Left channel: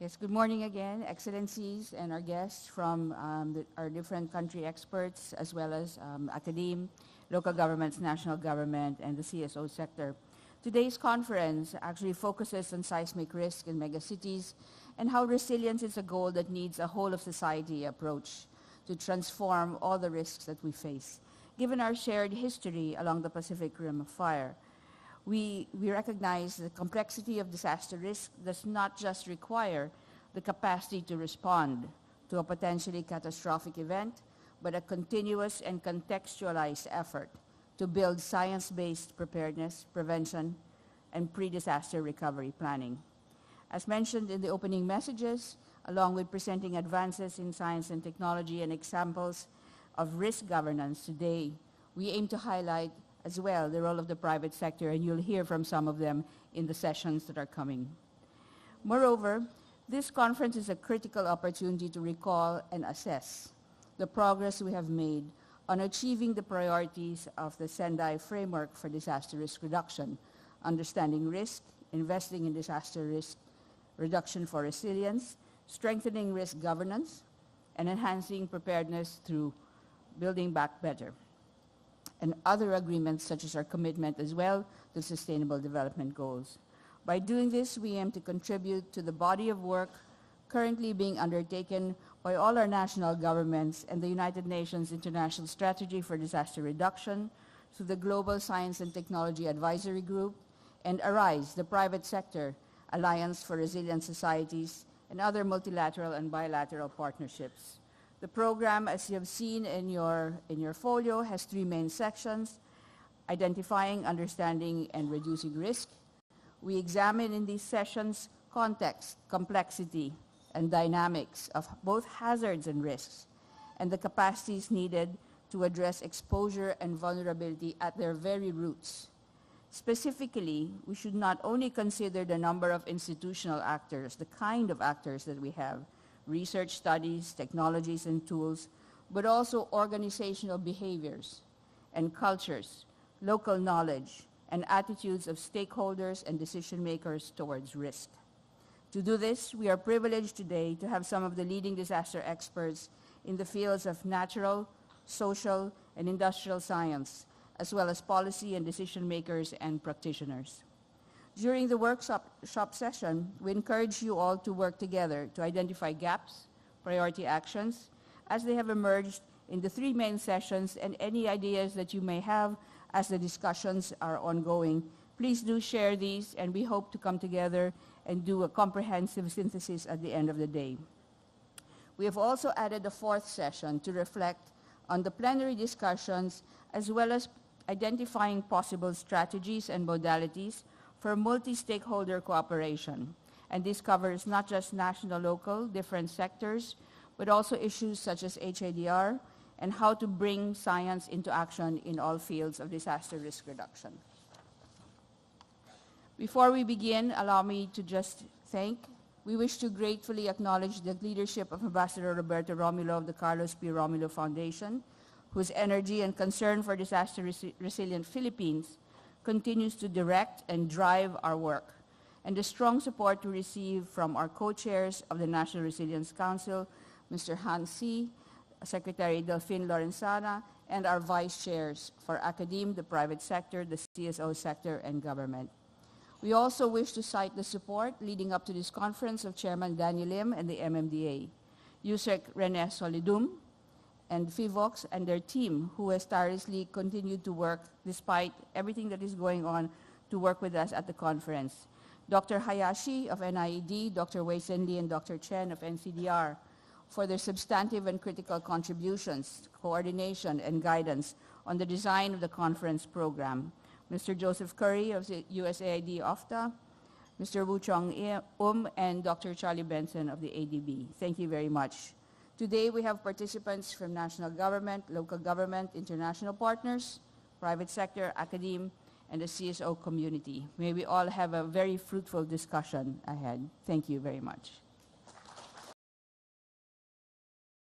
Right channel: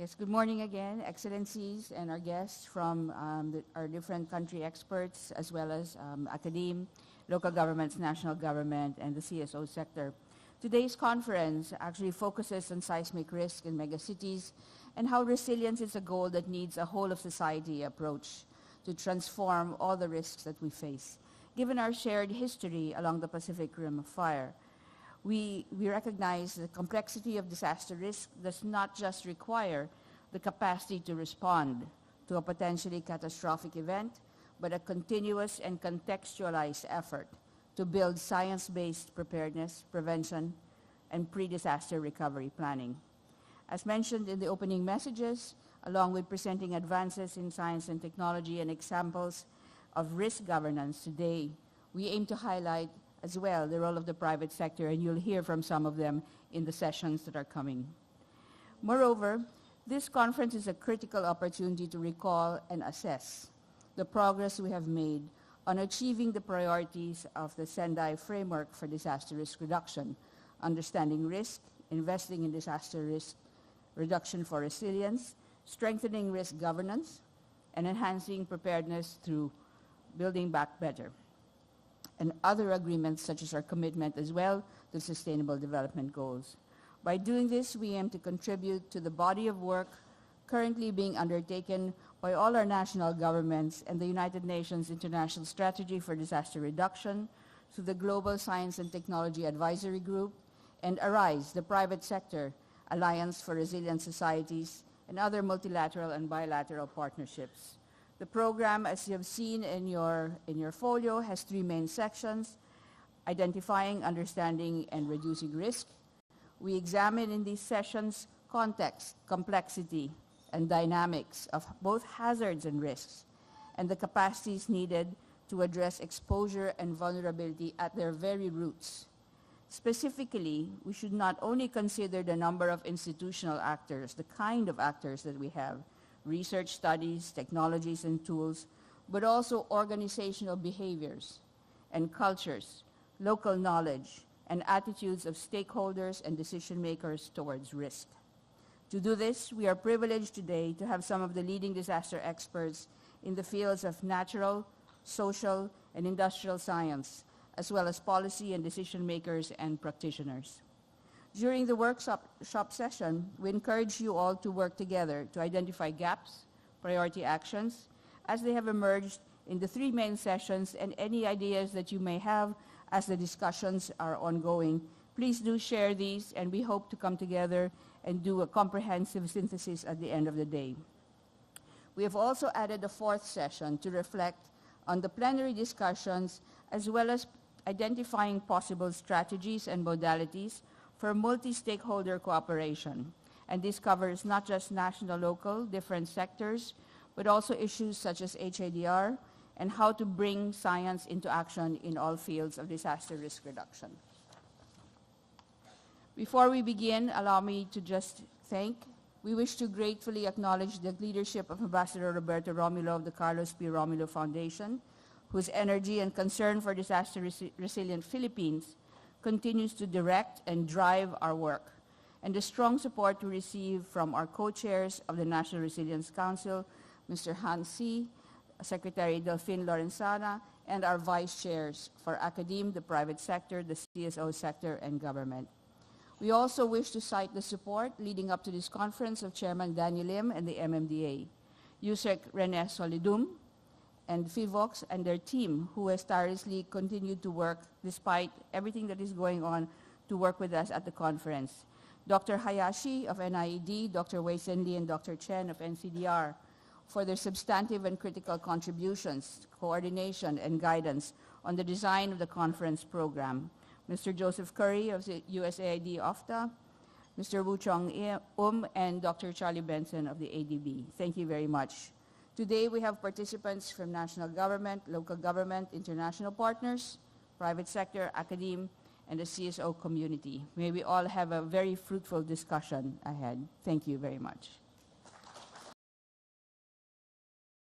Yes, good morning again, Excellencies and our guests from our different country experts, as well as academe, local governments, national government, and the CSO sector. Today's conference actually focuses on seismic risk in megacities and how resilience is a goal that needs a whole-of-society approach to transform all the risks that we face. Given our shared history along the Pacific Rim of Fire, we recognize the complexity of disaster risk does not just require the capacity to respond to a potentially catastrophic event, but a continuous and contextualized effort to build science-based preparedness, prevention, and pre-disaster recovery planning. As mentioned in the opening messages, along with presenting advances in science and technology and examples of risk governance today, we aim to highlight as well the role of the private sector, and you'll hear from some of them in the sessions that are coming. Moreover, this conference is a critical opportunity to recall and assess the progress we have made on achieving the priorities of the Sendai Framework for Disaster Risk Reduction, understanding risk, investing in disaster risk reduction for resilience, strengthening risk governance, and enhancing preparedness through building back better, and other agreements such as our commitment as well to Sustainable Development Goals. By doing this, we aim to contribute to the body of work currently being undertaken by all our national governments and the United Nations International Strategy for Disaster Reduction, through the Global Science and Technology Advisory Group, and ARISE, the Private Sector Alliance for Resilient Societies, and other multilateral and bilateral partnerships. The program, as you have seen in your folio, has three main sections: identifying, understanding, and reducing risk. We examine in these sessions context, complexity, and dynamics of both hazards and risks, and the capacities needed to address exposure and vulnerability at their very roots. Specifically, we should not only consider the number of institutional actors, the kind of actors that we have, research studies, technologies, and tools, but also organizational behaviors and cultures, local knowledge, and attitudes of stakeholders and decision makers towards risk. To do this, we are privileged today to have some of the leading disaster experts in the fields of natural, social, and industrial science, as well as policy and decision makers and practitioners. During the workshop session, we encourage you all to work together to identify gaps, priority actions, as they have emerged in the three main sessions, and any ideas that you may have as the discussions are ongoing. Please do share these, and we hope to come together and do a comprehensive synthesis at the end of the day. We have also added a fourth session to reflect on the plenary discussions, as well as identifying possible strategies and modalities for multi-stakeholder cooperation. And this covers not just national, local, different sectors, but also issues such as HADR and how to bring science into action in all fields of disaster risk reduction. Before we begin, allow me to just we wish to gratefully acknowledge the leadership of Ambassador Roberto Romulo of the Carlos P. Romulo Foundation, whose energy and concern for disaster resilient Philippines continues to direct and drive our work, and the strong support we receive from our co-chairs of the National Resilience Council, Mr. Hans C., Secretary Delphine Lorenzana, and our vice chairs for academe, the private sector, the CSO sector, and government. We also wish to cite the support leading up to this conference of Chairman Danny Lim and the MMDA, USEC Rene Solidum, and FIVOX and their team, who has tirelessly continued to work despite everything that is going on to work with us at the conference. Dr. Hayashi of NIED, Dr. Wei Sin Lee, and Dr. Chen of NCDR for their substantive and critical contributions, coordination, and guidance on the design of the conference program. Mr. Joseph Curry of the USAID OFTA, Mr. Wu Chong and Dr. Charlie Benson of the ADB. Thank you very much. Today we have participants from national government, local government, international partners, private sector, academe, and the CSO community. May we all have a very fruitful discussion ahead. Thank you very much.